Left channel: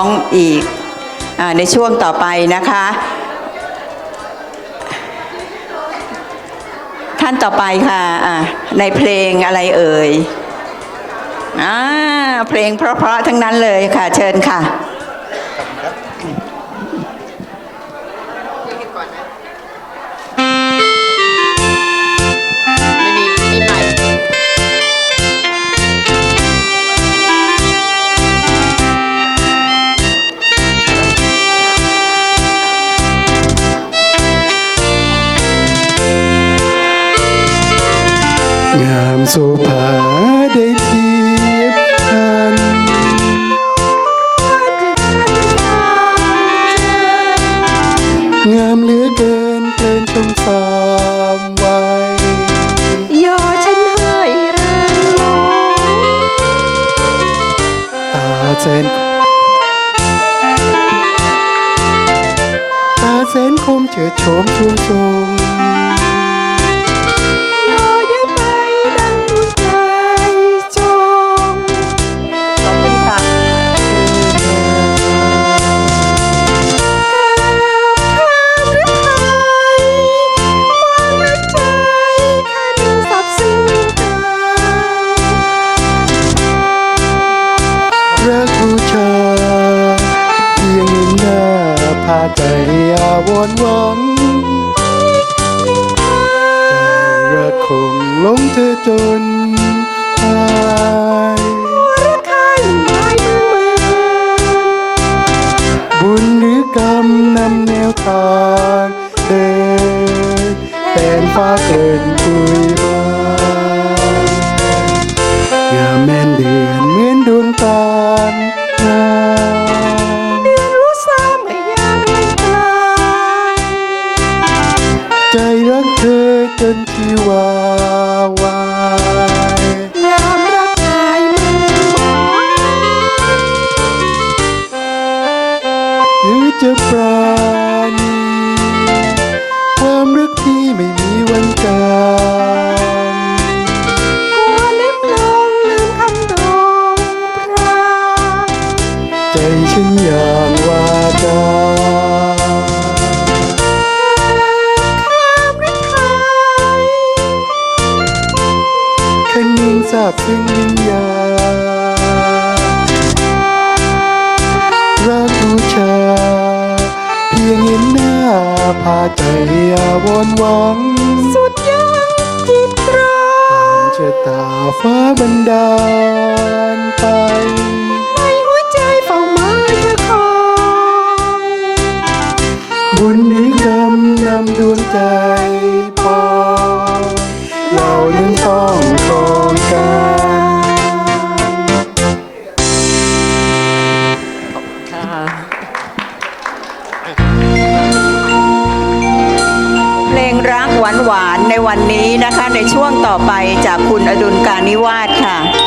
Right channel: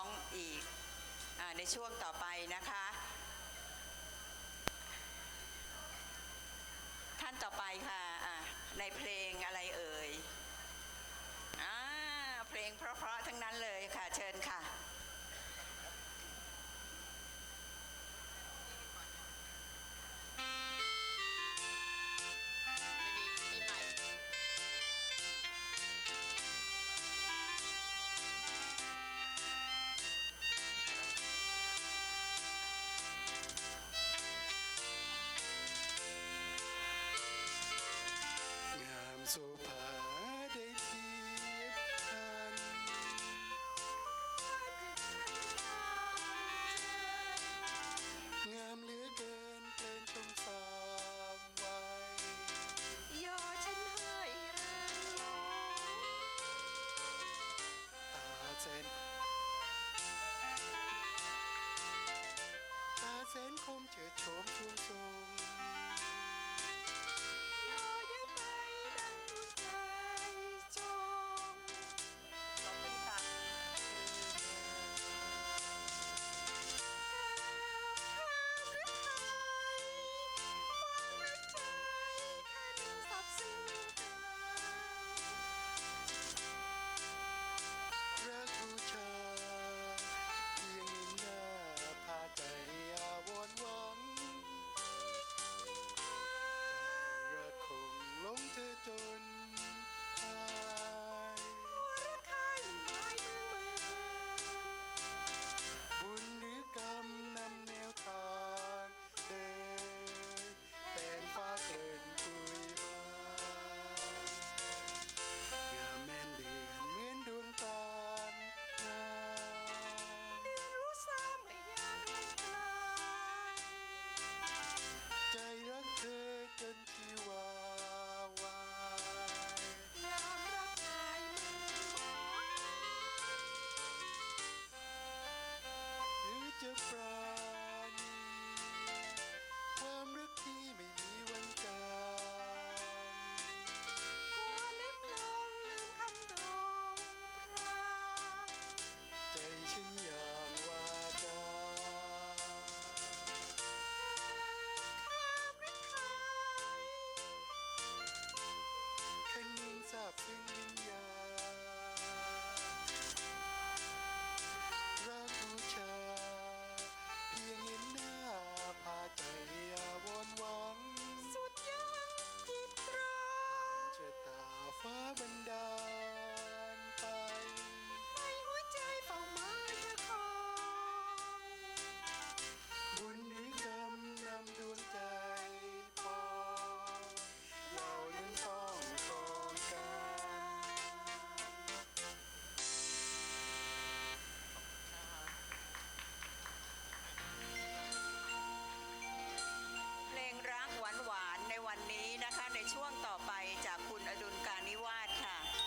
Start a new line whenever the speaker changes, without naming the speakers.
้องอีกอในช่วงต่อไปนะคะ ท่านต่อไปค่ะะในเพลงอะไรเอ่ยอเพลงเพราะๆทั้งนั้นเลยค่ะ เชิญค่ะ
งามโสภาได้เทียบทันงามเหลือเกินเกินชมสามวัย
ยอฉันให้เรื่องลง
ตาแสนตาแสนคมเฉิดโฉมชูทรง หลงเธอจนตาย
รักข้างหมายมือมือ
บุญหรือกรรมนำแนวทางเดินแต่นฟ้าเกินคุยมางาแม่ จะปราณีความรักที่ไม่มีวันจาง
กลัวเล็บลงลืมคำโดงพราง
ใจฉันอย่างว่าจา
ความรักไทย
คันยิ่งทราบซึ้งวิญญา พียงเห็นหน้าพาใจอาวรณ์หวัง
สุดยังจิตรา
ชะตาฟ้าบันดาลไป
ในหัวใจเฝ้ามาเธอคอย
บุญหรือกรรมนำดวงใจ
หวานๆในวันนี้นะคะ ในช่วงต่อไปจากคุณอดุลการนิวาสค่ะ